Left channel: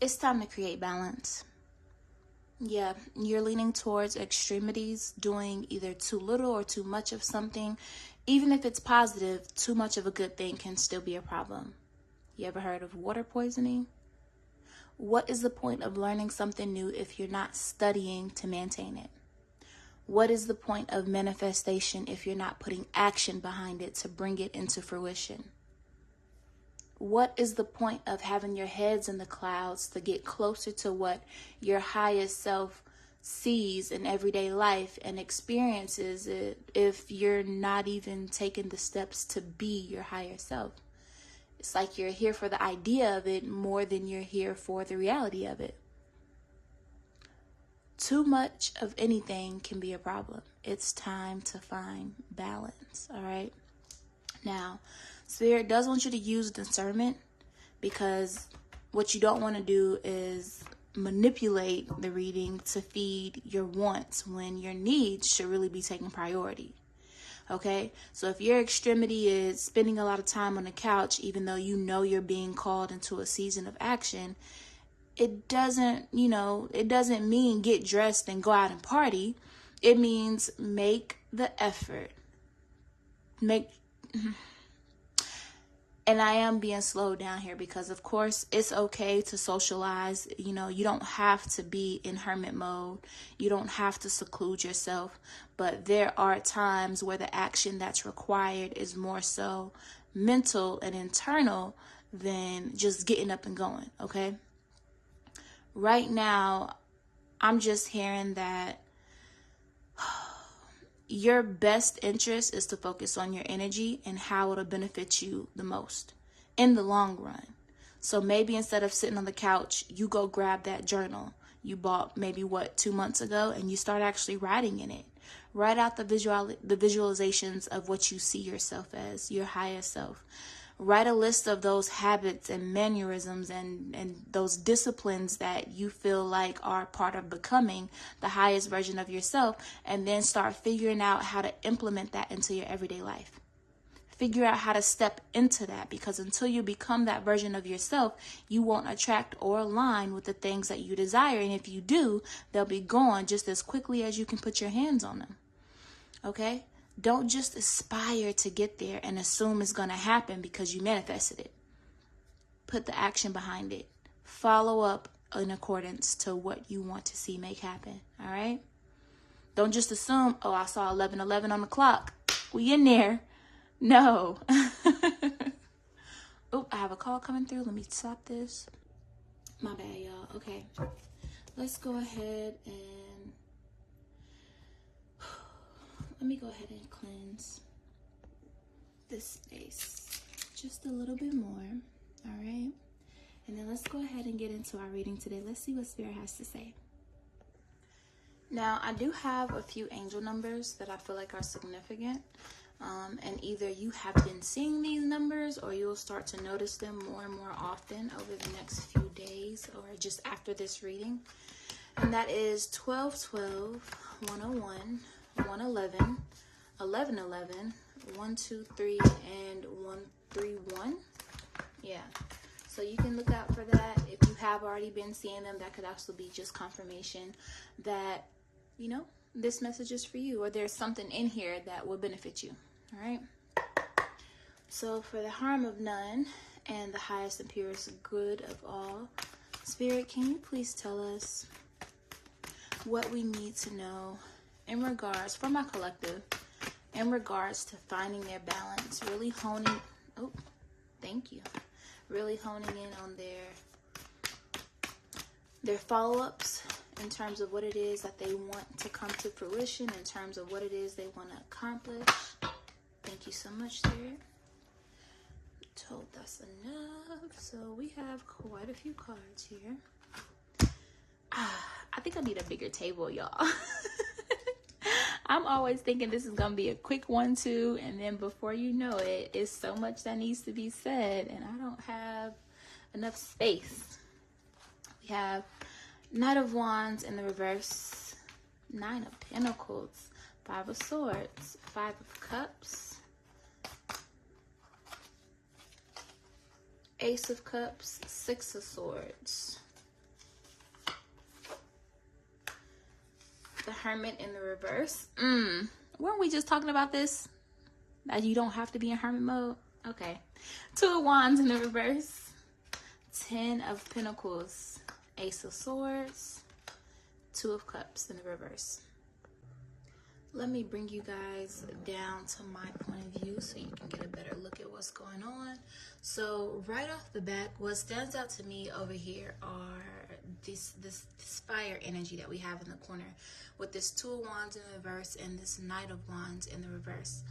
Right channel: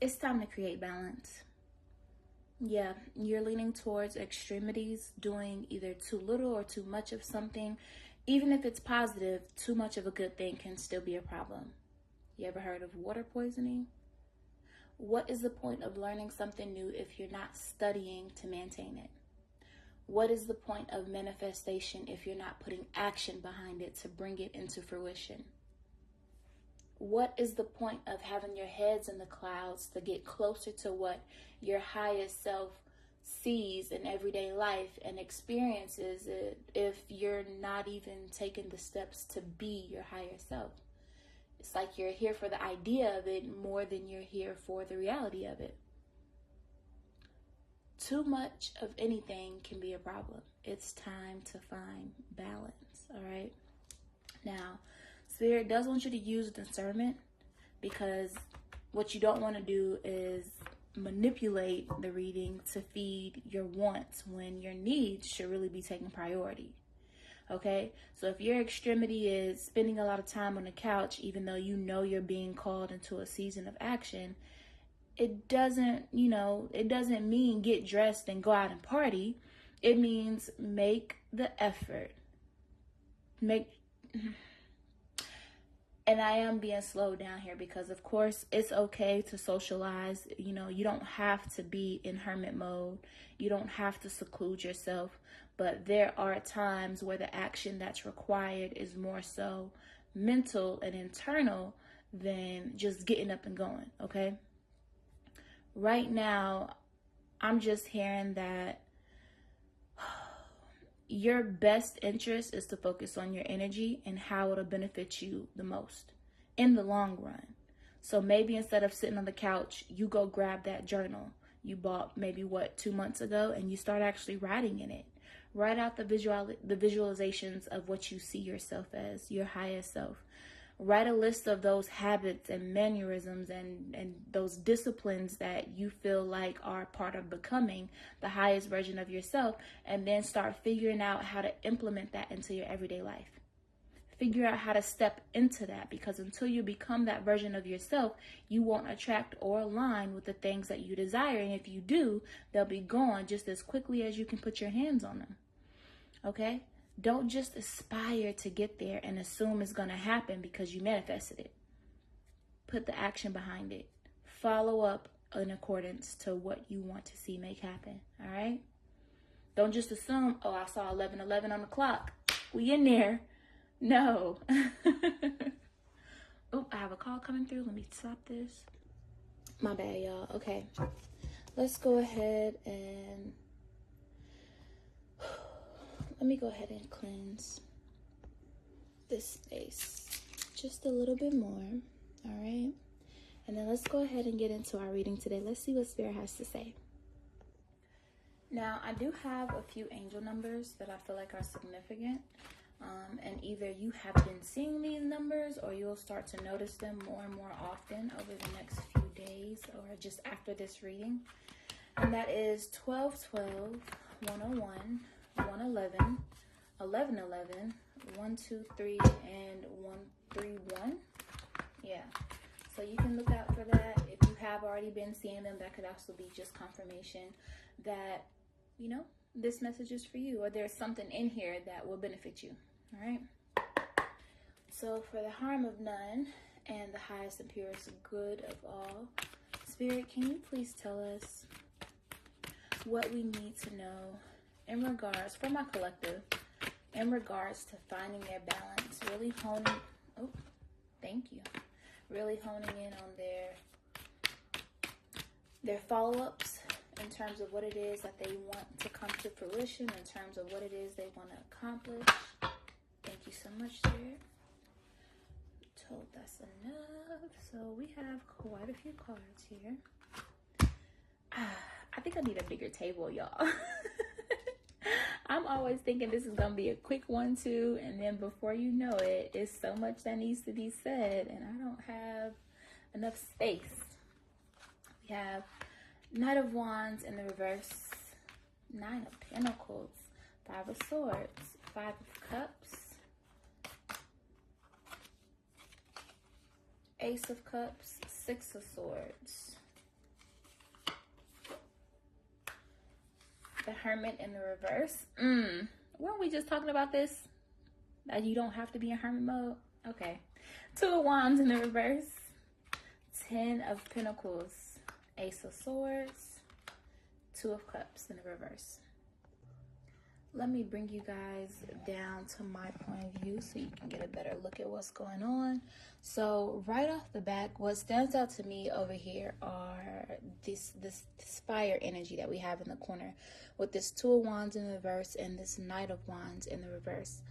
It's time to create balance. Yeah, you're leaning towards extremities, doing either too little or too much of something. Even if it's positive, too much of a good thing can still be a problem. You ever heard of water poisoning? What is the point of learning something new if you're not studying to maintain it? What is the point of manifestation if you're not putting action behind it to bring it into fruition? What is the point of having your heads in the clouds to get closer to what your highest self sees in everyday life and experiences it if you're not even taking the steps to be your higher self? It's like you're here for the idea of it more than you're here for the reality of it. Too much of anything can be a problem. It's time to find balance, all right? Now, Spirit does want you to use discernment, because what you don't want to do is manipulate the reading to feed your wants when your needs should really be taking priority. Okay, so if your extremity is spending a lot of time on the couch, even though you know you're being called into a season of action, it doesn't mean get dressed and go out and party. It means make the effort. And I am being slowed down here because, of course, it's okay to socialize. You don't have to be in hermit mode. You don't have to seclude yourself. But there are times where the action that's required is more so mental and internal than just getting up and going, okay? Right now, I'm just hearing that your best interest is to focus on your energy and how it'll benefit you the most in the long run. So maybe instead of sitting on the couch, you go grab that journal you bought maybe 2 months ago, and you start actually writing in it. Write out the visualizations of what you see yourself as, your highest self. Write a list of those habits and mannerisms and those disciplines that you feel like are part of becoming the highest version of yourself, and then start figuring out how to implement that into your everyday life. Figure out how to step into that, because until you become that version of yourself, you won't attract or align with the things that you desire. And if you do, they'll be gone just as quickly as you can put your hands on them. Okay? Don't just aspire to get there and assume it's going to happen because you manifested it. Put the action behind it. Follow up in accordance to what you want to see make happen. All right? Don't just assume, I saw 11:11 on the clock. We in there. No. Oh, I have a call coming through. Let me stop this. My bad, y'all. Okay. Let's go ahead and... Let me go ahead and cleanse this space just a little bit more. All right. And then let's go ahead and get into our reading today. Let's see what Spirit has to say. Now, I do have a few angel numbers that I feel like are significant. And either you have been seeing these numbers or you'll start to notice them more and more often over the next few days or just after this reading. And that is 1212, 101, 111, 1111, 123, and 131. Yeah. So you can look out for that. If you have already been seeing them, that could also be just confirmation that, this message is for you, or there's something in here that will benefit you. All right. So for the harm of none and the highest and purest good of all, Spirit, can you please tell us what we need to know in regards, for my collective, in regards to finding their balance, really honing, really honing in on their follow-ups in terms of what it is that they want to come to fruition, in terms of what it is they want to accomplish. Thank you so much, Spirit. Told that's enough. So we have quite a few cards here. I think I need a bigger table, y'all. I'm always thinking this is going to be a quick 1-2, and then before you know it, it's so much that needs to be said, and I don't have enough space. We have Knight of Wands in the reverse, 9 of Pentacles, 5 of Swords, 5 of Cups, Ace of Cups, 6 of Swords, the Hermit in the reverse. Weren't we just talking about this? That you don't have to be in hermit mode? Okay. 2 of Wands in the reverse. 10 of Pentacles. Ace of Swords. 2 of Cups in the reverse. Let me bring you guys down to my point of view so you can get a better look at what's going on. So right off the bat, what stands out to me over here are this fire energy that we have in the corner with this 2 of Wands in the reverse and this Knight of Wands in the reverse.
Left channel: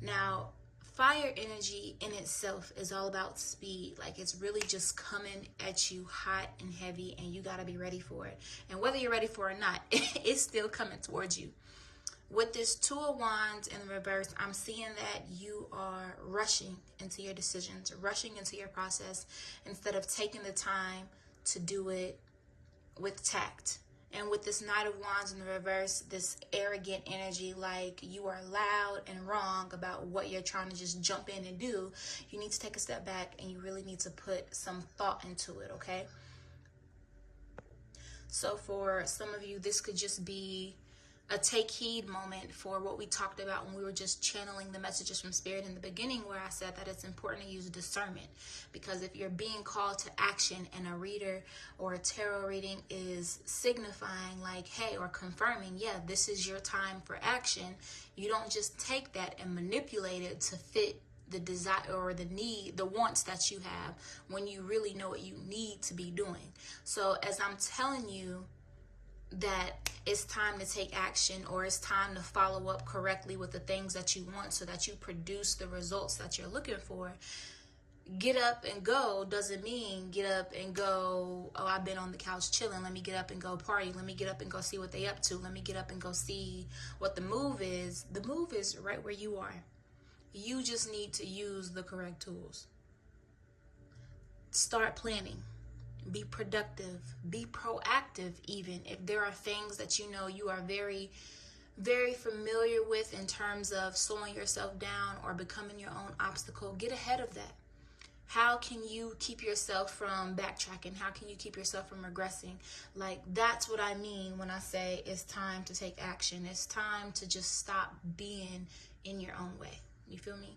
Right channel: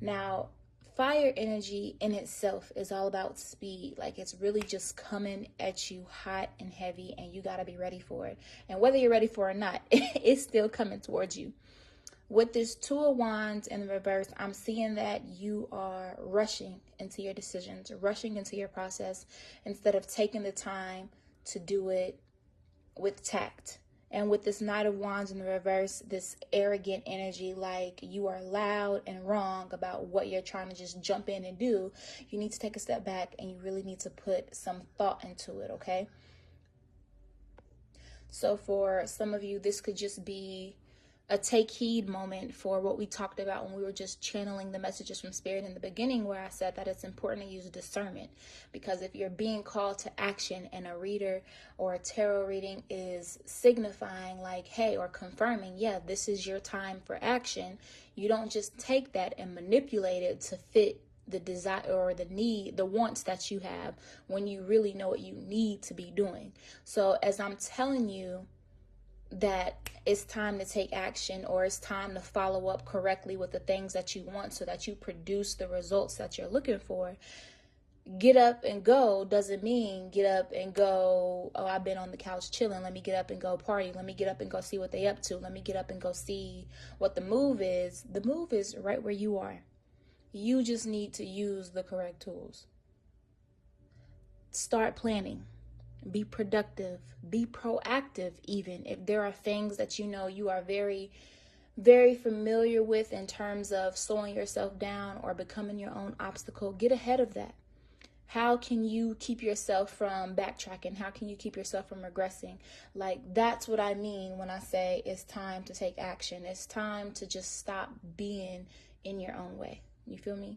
Now, fire energy in itself is all about speed. Like, it's really just coming at you hot and heavy, and you got to be ready for it. And whether you're ready for it or not, it's still coming towards you. With this 2 of Wands in reverse, I'm seeing that you are rushing into your decisions, rushing into your process instead of taking the time to do it with tact. And with this Knight of Wands in the reverse, this arrogant energy, like you are loud and wrong about what you're trying to just jump in and do, you need to take a step back and you really need to put some thought into it, okay? So for some of you, this could just be a take heed moment for what we talked about when we were just channeling the messages from Spirit in the beginning, where I said that it's important to use discernment, because if you're being called to action and a reader or a tarot reading is signifying like, hey, or confirming, yeah, this is your time for action, you don't just take that and manipulate it to fit the desire or the need, the wants that you have, when you really know what you need to be doing. So as I'm telling you that it's time to take action, or it's time to follow up correctly with the things that you want so that you produce the results that you're looking for, get up and go doesn't mean get up and go, oh, I've been on the couch chilling, let me get up and go party, let me get up and go see what they up to, let me get up and go see what the move is. The move is right where you are. You just need to use the correct tools. Start planning. Be productive, be proactive even. If there are things that you know you are very, very familiar with in terms of slowing yourself down or becoming your own obstacle, get ahead of that. How can you keep yourself from backtracking? How can you keep yourself from regressing? Like, that's what I mean when I say it's time to take action. It's time to just stop being in your own way. You feel me?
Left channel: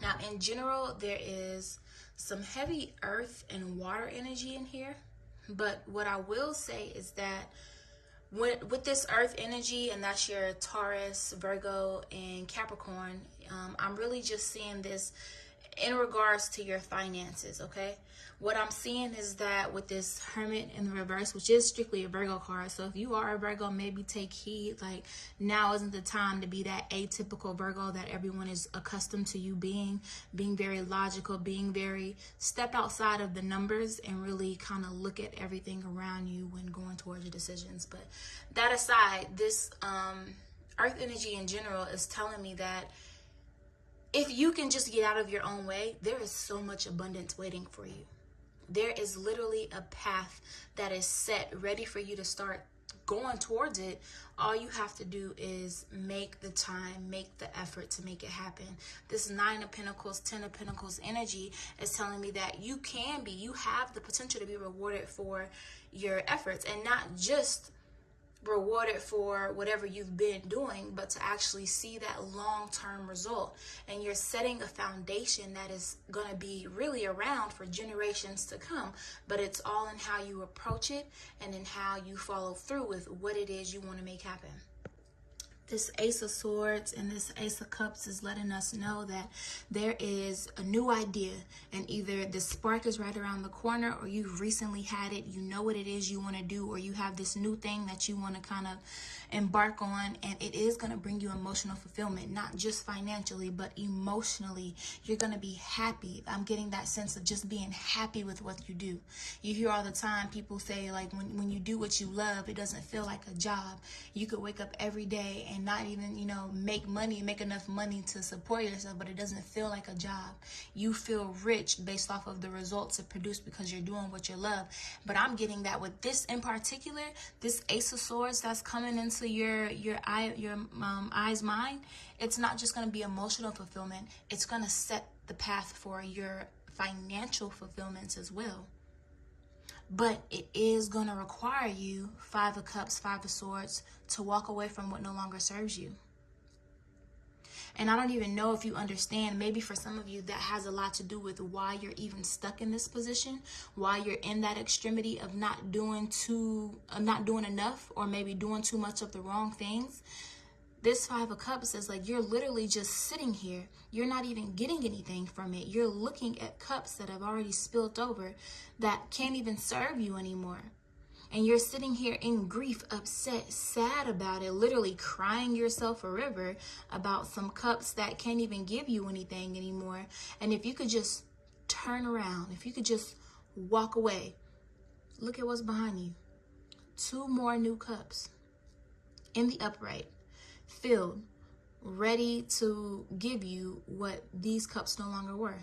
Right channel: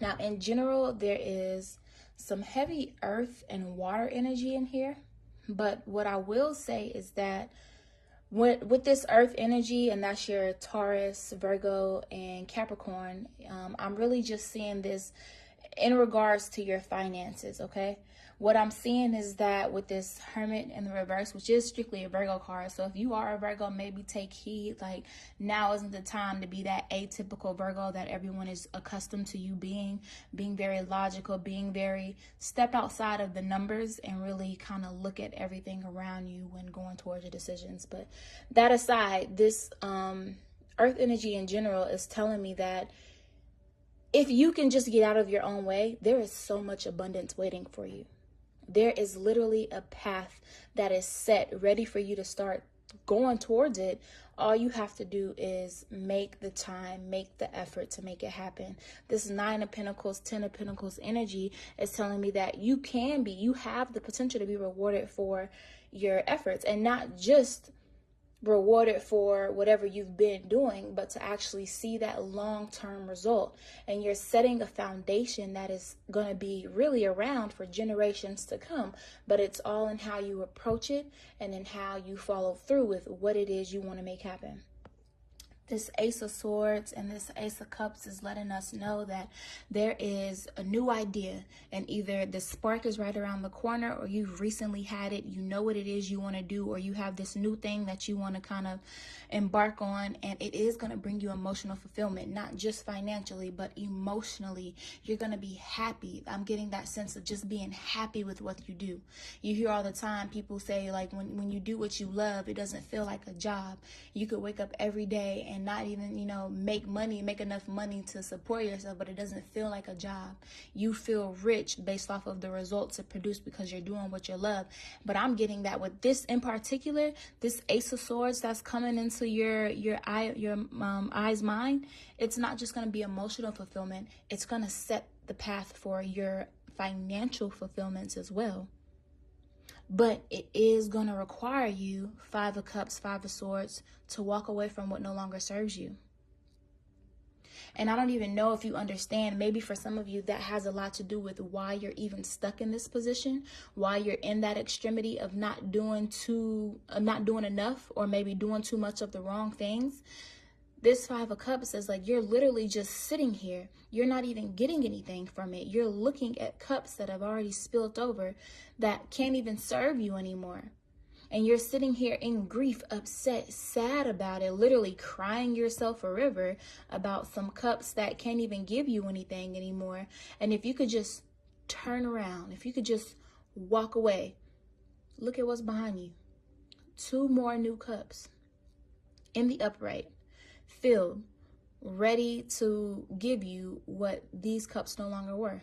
Now, in general, there is some heavy earth and water energy in here, but what I will say is that with this earth energy, and that's your Taurus, Virgo, and Capricorn, I'm really just seeing this in regards to your finances, okay? What I'm seeing is that with this Hermit in the reverse, which is strictly a Virgo card, so if you are a Virgo, maybe take heed. Like, now isn't the time to be that atypical Virgo that everyone is accustomed to you being very logical, being very step outside of the numbers and really kind of look at everything around you when going towards the decisions. But that aside, this earth energy in general is telling me that if you can just get out of your own way, there is so much abundance waiting for you. There is literally a path that is set, ready for you to start going towards it. All you have to do is make the time, make the effort to make it happen. This 9 of Pentacles, 10 of Pentacles energy is telling me that you have the potential to be rewarded for your efforts, and not just rewarded for whatever you've been doing, but to actually see that long-term result. And you're setting a foundation that is going to be really around for generations to come, but it's all in how you approach it and in how you follow through with what it is you want to make happen. This Ace of Swords and this Ace of Cups is letting us know that there is a new idea, and either the spark is right around the corner, or you've recently had it, you know what it is you want to do, or you have this new thing that you want to kind of embark on, and it is going to bring you emotional fulfillment, not just financially, but emotionally. You're going to be happy. I'm getting that sense of just being happy with what you do. You hear all the time people say, like, when you do what you love, it doesn't feel like a job. You could wake up every day and not even, make enough money to support yourself, but it doesn't feel like a job. You feel rich based off of the results it produced because you're doing what you love. But I'm getting that with this in particular, this Ace of Swords that's coming into your eye's mind. It's not just going to be emotional fulfillment. It's going to set the path for your financial fulfillments as well. But it is going to require you, 5 of Cups, 5 of Swords, to walk away from what no longer serves you. And I don't even know if you understand, maybe for some of you that has a lot to do with why you're even stuck in this position, why you're in that extremity of not doing enough, or maybe doing too much of the wrong things. This Five of Cups is like you're literally just sitting here. You're not even getting anything from it. You're looking at cups that have already spilled over that can't even serve you anymore. And you're sitting here in grief, upset, sad about it, literally crying yourself a river about some cups that can't even give you anything anymore. And if you could just turn around, if you could just walk away, look at what's behind you. 2 more new cups in the upright, filled, ready to give you what these cups no longer were.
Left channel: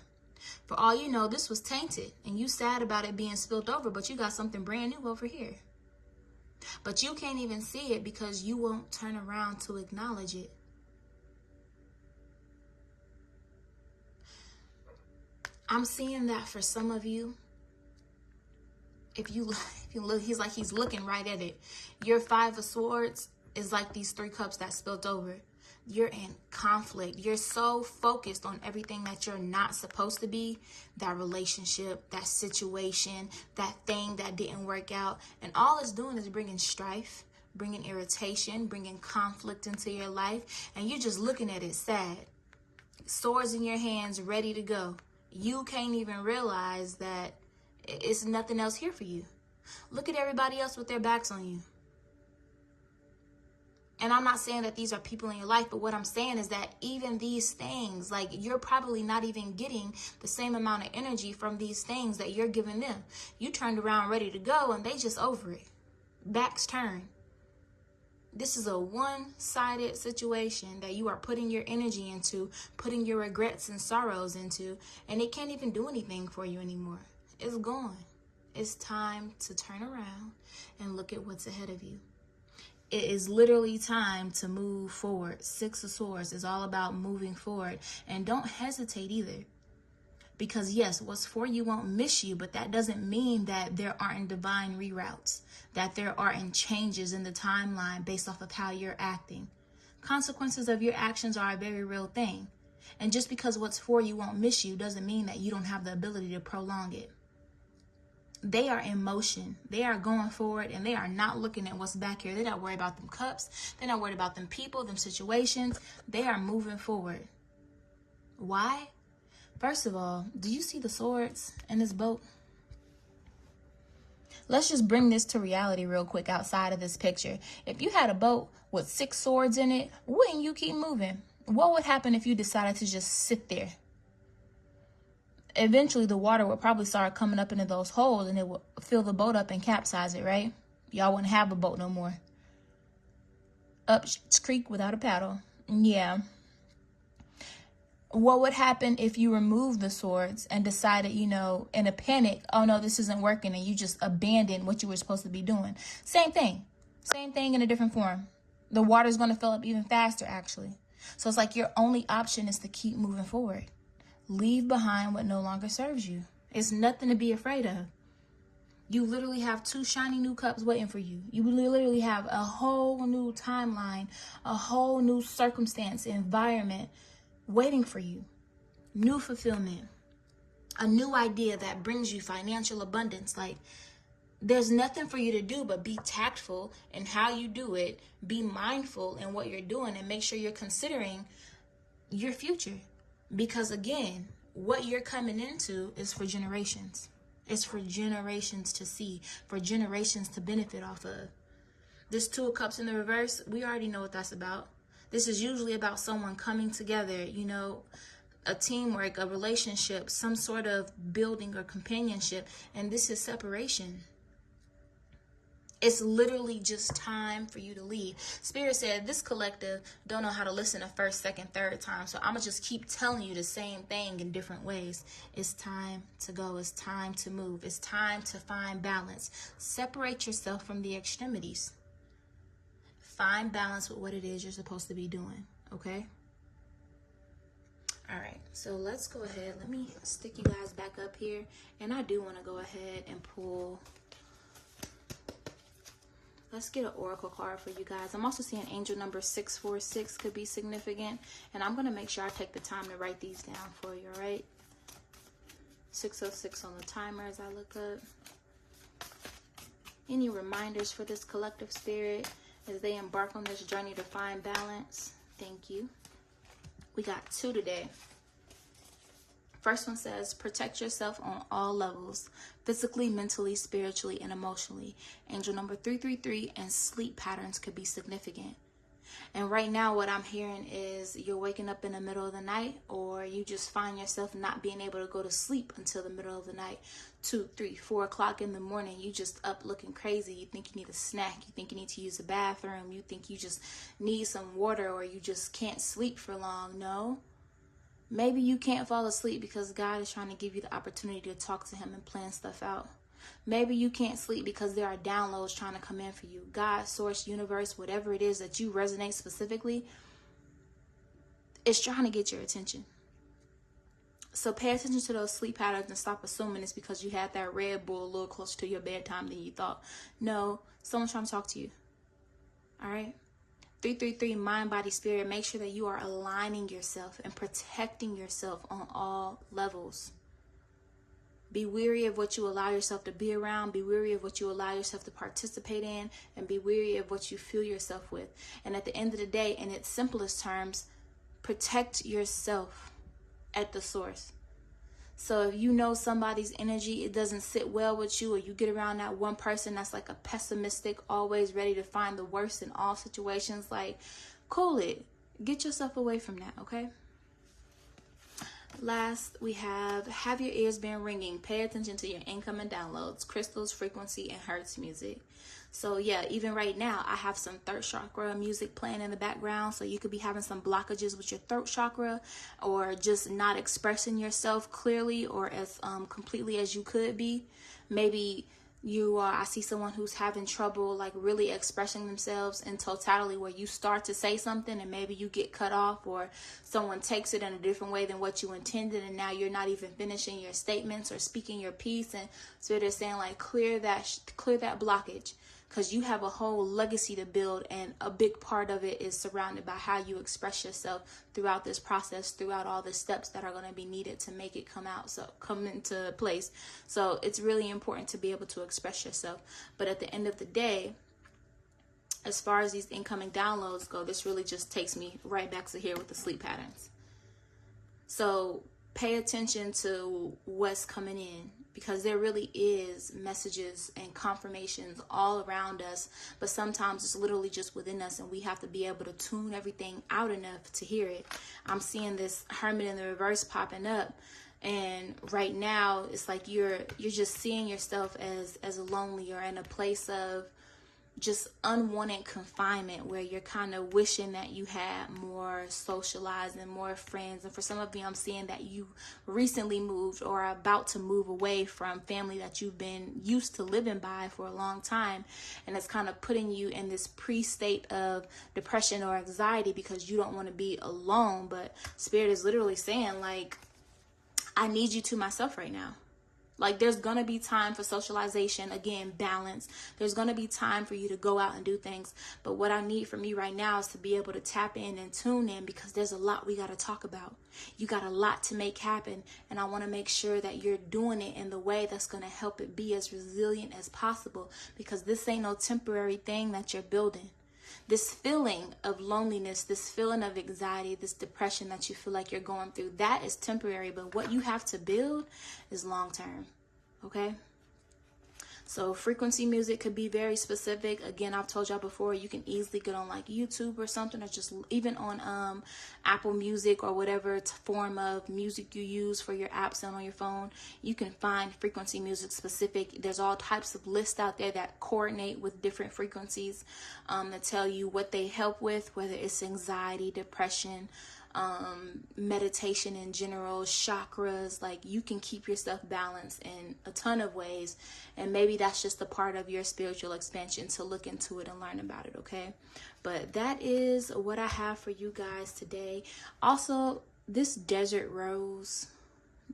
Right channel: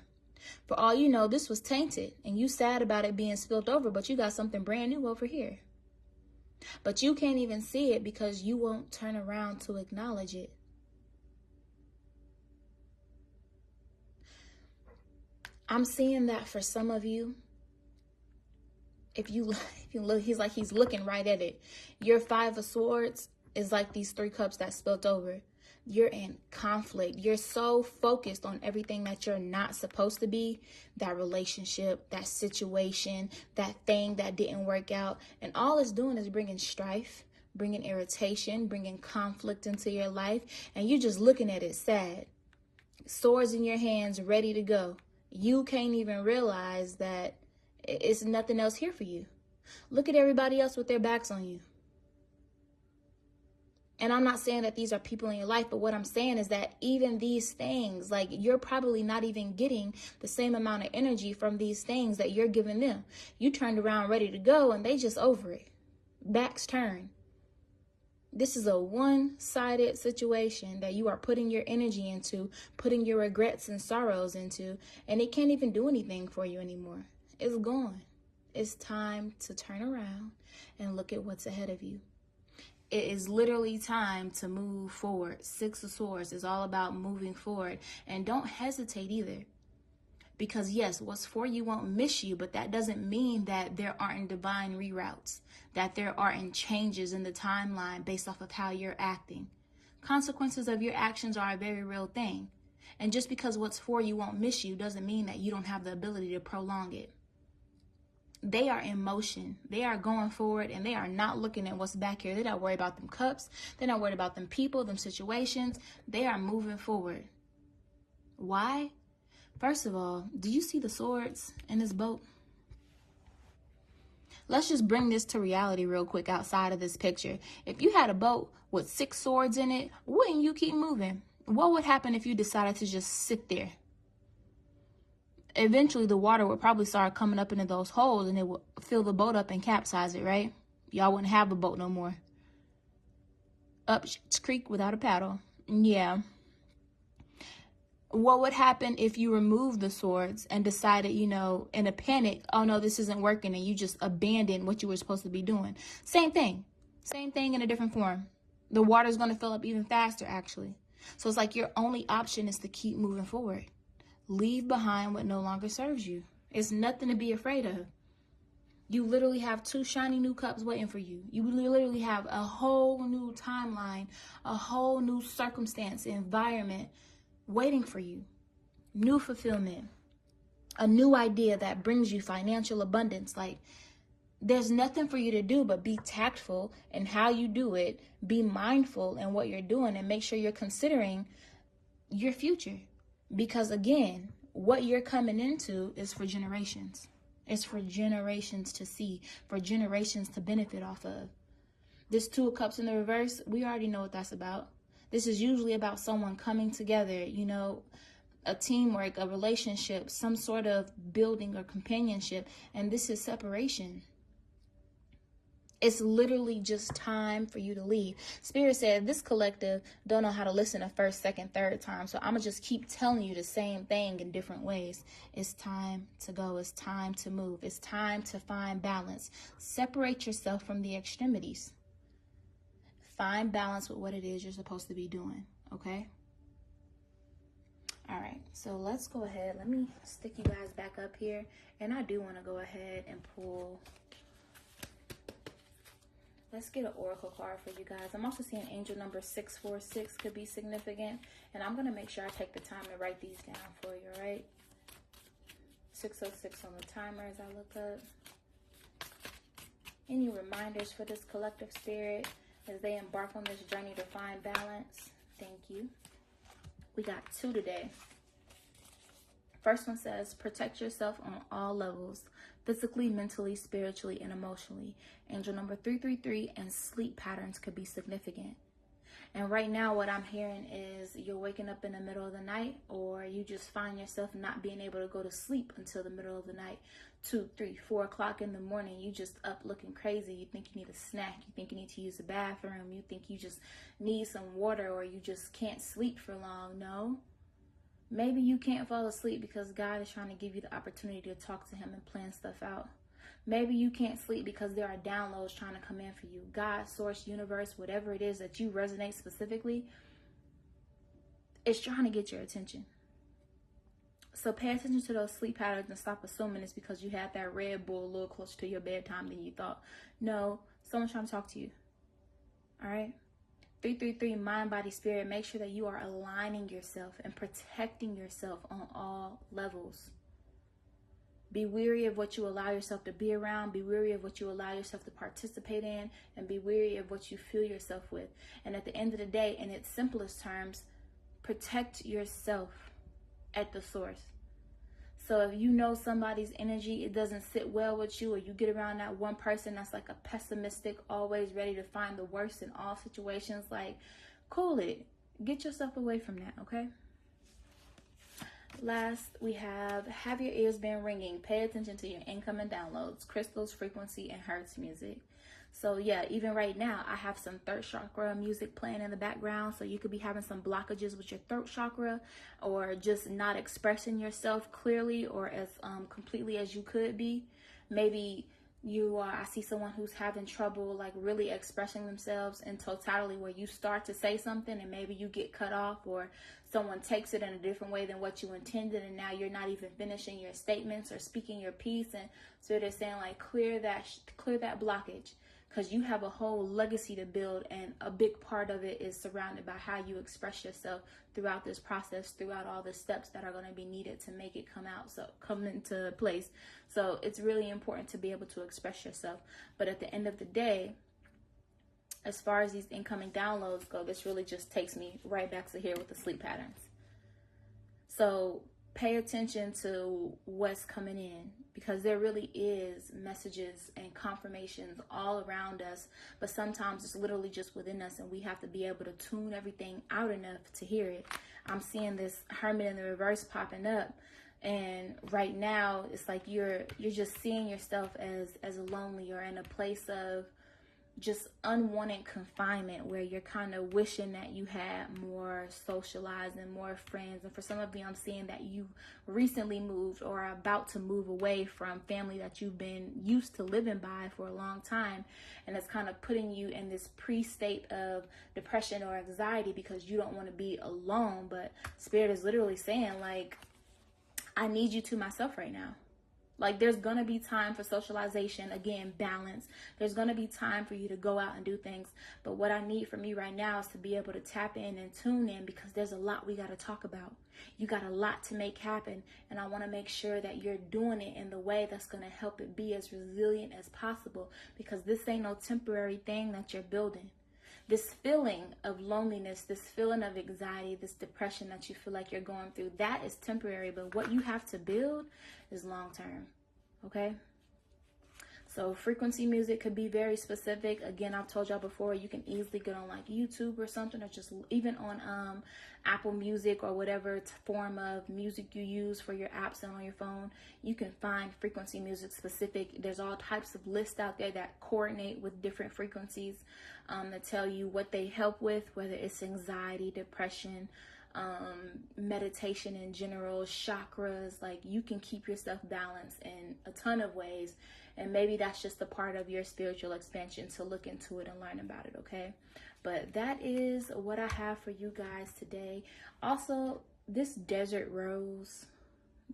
For all you know, this was tainted and you sad about it being spilled over, but you got something brand new over here. But you can't even see it because you won't turn around to acknowledge it. I'm seeing that for some of you. If you look, he's looking right at it. Your 5 of Swords is like these 3 cups that spilled over. You're in conflict. You're so focused on everything that you're not supposed to be. That relationship, that situation, that thing that didn't work out. And all it's doing is bringing strife, bringing irritation, bringing conflict into your life. And you're just looking at it sad. Swords in your hands, ready to go. You can't even realize that it's nothing else here for you. Look at everybody else with their backs on you. And I'm not saying that these are people in your life, but what I'm saying is that even these things, like you're probably not even getting the same amount of energy from these things that you're giving them. You turned around ready to go and they just over it. Backs turned. This is a one-sided situation that you are putting your energy into, putting your regrets and sorrows into, and it can't even do anything for you anymore. It's gone. It's time to turn around and look at what's ahead of you. It is literally time to move forward. 6 of Swords is all about moving forward. And don't hesitate either. Because yes, what's for you won't miss you, but that doesn't mean that there aren't divine reroutes, that there aren't changes in the timeline based off of how you're acting. Consequences of your actions are a very real thing. And just because what's for you won't miss you doesn't mean that you don't have the ability to prolong it. They are in motion. They are going forward and they are not looking at what's back here. They're not worried about them cups. They're not worried about them people, them situations. They are moving forward. Why? First of all, do you see the swords in this boat? Let's just bring this to reality real quick outside of this picture. If you had a boat with 6 swords in it, wouldn't you keep moving? What would happen if you decided to just sit there? Eventually, the water would probably start coming up into those holes and it would fill the boat up and capsize it, right? Y'all wouldn't have a boat no more. Up creek without a paddle. Yeah. What would happen if you removed the swords and decided, you know, in a panic, oh no, this isn't working, and you just abandoned what you were supposed to be doing? Same thing. Same thing in a different form. The water's going to fill up even faster, actually. So it's like your only option is to keep moving forward. Leave behind what no longer serves you. It's nothing to be afraid of. You literally have 2 shiny new cups waiting for you. You literally have a whole new timeline, a whole new circumstance, environment waiting for you. New fulfillment. A new idea that brings you financial abundance. Like, there's nothing for you to do but be tactful in how you do it. Be mindful in what you're doing and make sure you're considering your future. Because again, what you're coming into is for generations. It's for generations to see, for generations to benefit off of. This 2 of Cups in the reverse, we already know what that's about. This is usually about someone coming together, you know, a teamwork, a relationship, some sort of building or companionship. And this is separation. It's literally just time for you to leave. Spirit said this collective don't know how to listen a first, second, third time. So I'm going to just keep telling you the same thing in different ways. It's time to go. It's time to move. It's time to find balance. Separate yourself from the extremities. Find balance with what it is you're supposed to be doing. Okay? All right. So let's go ahead. Let me stick you guys back up here. And I do want to go ahead and pull Let's get an oracle card for you guys. I'm also seeing angel number 646 could be significant. And I'm going to make sure I take the time to write these down for you, all right? 606 on the timer as I look up. Any reminders for this collective spirit as they embark on this journey to find balance? Thank you. We got 2 today. First one says, protect yourself on all levels, physically, mentally, spiritually, and emotionally. Angel number 333 and sleep patterns could be significant. And right now what I'm hearing is you're waking up in the middle of the night, or you just find yourself not being able to go to sleep until the middle of the night. 2, 3, 4 o'clock in the morning, you just up looking crazy. You think you need a snack. You think you need to use the bathroom. You think you just need some water, or you just can't sleep for long. No. Maybe you can't fall asleep because God is trying to give you the opportunity to talk to him and plan stuff out. Maybe you can't sleep because there are downloads trying to come in for you. God, source, universe, whatever it is that you resonate specifically, it's trying to get your attention. So pay attention to those sleep patterns and stop assuming it's because you had that Red Bull a little closer to your bedtime than you thought. No, someone's trying to talk to you. All right? 333, mind, body, spirit. Make sure that you are aligning yourself and protecting yourself on all levels. Be weary of what you allow yourself to be around. Be weary of what you allow yourself to participate in. And be weary of what you fill yourself with. And at the end of the day, in its simplest terms, protect yourself at the source. So if you know somebody's energy, it doesn't sit well with you, or you get around that one person that's like a pessimistic, always ready to find the worst in all situations, like, cool it. Get yourself away from that, okay? Last, we have your ears been ringing. Pay attention to your incoming downloads, crystals, frequency, and hertz music. So yeah, even right now, I have some third chakra music playing in the background. So you could be having some blockages with your throat chakra, or just not expressing yourself clearly or as completely as you could be. Maybe I see someone who's having trouble like really expressing themselves in totality, where you start to say something and maybe you get cut off, or someone takes it in a different way than what you intended, and now you're not even finishing your statements or speaking your piece. And so they're saying like, clear that blockage, because you have a whole legacy to build, and a big part of it is surrounded by how you express yourself throughout this process, throughout all the steps that are going to be needed to make it come into place. So it's really important to be able to express yourself. But at the end of the day, as far as these incoming downloads go, this really just takes me right back to here with the sleep patterns. So pay attention to what's coming in, because there really is messages and confirmations all around us, but sometimes it's literally just within us, and we have to be able to tune everything out enough to hear it. I'm seeing this Hermit in the reverse popping up, and right now it's like you're just seeing yourself as lonely, or in a place of just unwanted confinement, where you're kind of wishing that you had more socialized and more friends. And for some of you, I'm seeing that you recently moved or are about to move away from family that you've been used to living by for a long time, and it's kind of putting you in this pre-state of depression or anxiety because you don't want to be alone. But Spirit is literally saying like, I need you to myself right now. Like, there's going to be time for socialization, again, balance. There's going to be time for you to go out and do things. But what I need from you right now is to be able to tap in and tune in, because there's a lot we got to talk about. You got a lot to make happen. And I want to make sure that you're doing it in the way that's going to help it be as resilient as possible, because this ain't no temporary thing that you're building. This feeling of loneliness, this feeling of anxiety, this depression that you feel like you're going through, that is temporary. But what you have to build is long term. Okay? So frequency music could be very specific. Again, I've told y'all before, you can easily get on like YouTube or something, or just even on Apple Music or whatever form of music you use for your apps and on your phone. You can find frequency music specific. There's all types of lists out there that coordinate with different frequencies that tell you what they help with, whether it's anxiety, depression, meditation in general, chakras. Like, you can keep yourself balanced in a ton of ways, and maybe that's just a part of your spiritual expansion to look into it and learn about it. Okay, but that is what I have for you guys today. Also, this desert rose,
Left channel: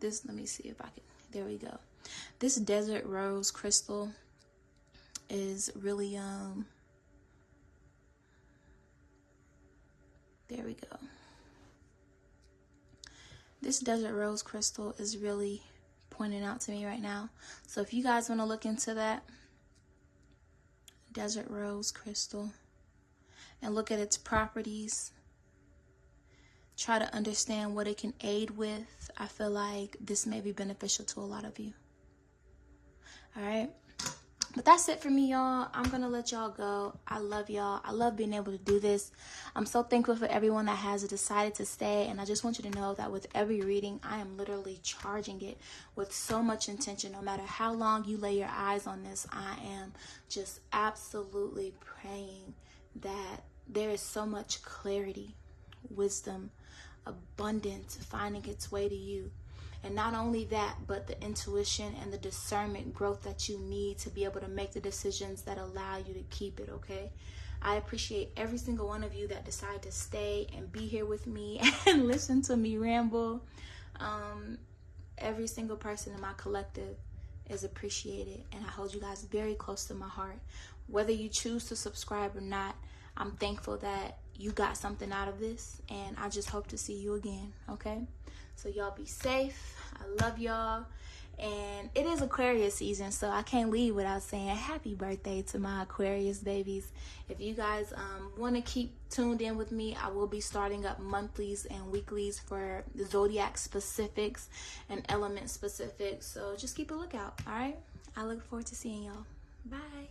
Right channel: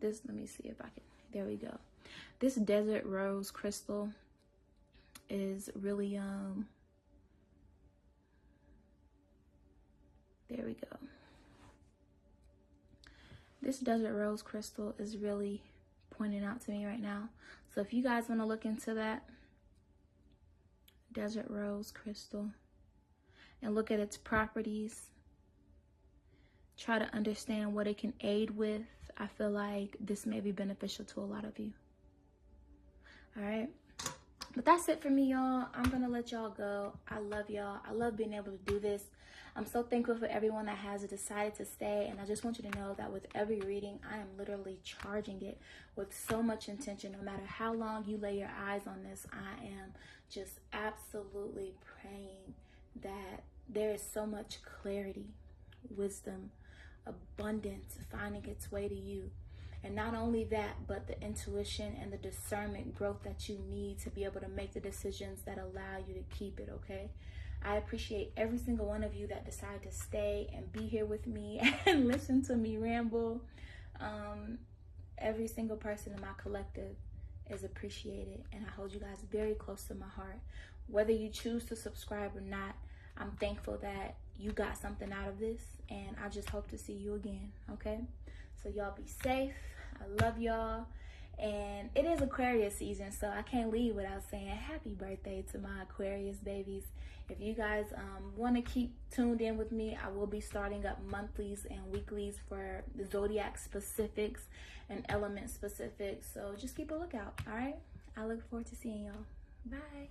let me see if I can, there we go. This desert rose crystal is really There we go. This desert rose crystal is really pointing out to me right now. So if you guys want to look into that, desert rose crystal, and look at its properties, try to understand what it can aid with, I feel like this may be beneficial to a lot of you. All right. But that's it for me, y'all. I'm going to let y'all go. I love y'all. I love being able to do this. I'm so thankful for everyone that has decided to stay. And I just want you to know that with every reading, I am literally charging it with so much intention. No matter how long you lay your eyes on this, I am just absolutely praying that there is so much clarity, wisdom, abundance finding its way to you. And not only that, but the intuition and the discernment growth that you need to be able to make the decisions that allow you to keep it, okay? I appreciate every single one of you that decide to stay and be here with me and listen to me ramble. Every single person in my collective is appreciated, and I hold you guys very close to my heart. Whether you choose to subscribe or not, I'm thankful that you got something out of this, and I just hope to see you again, okay? So y'all be safe. I love y'all. And it is Aquarius season, so I can't leave without saying happy birthday to my Aquarius babies. If you guys want to keep tuned in with me, I will be starting up monthlies and weeklies for the zodiac specifics and element specifics. So just keep a lookout, all right? I look forward to seeing y'all. Bye.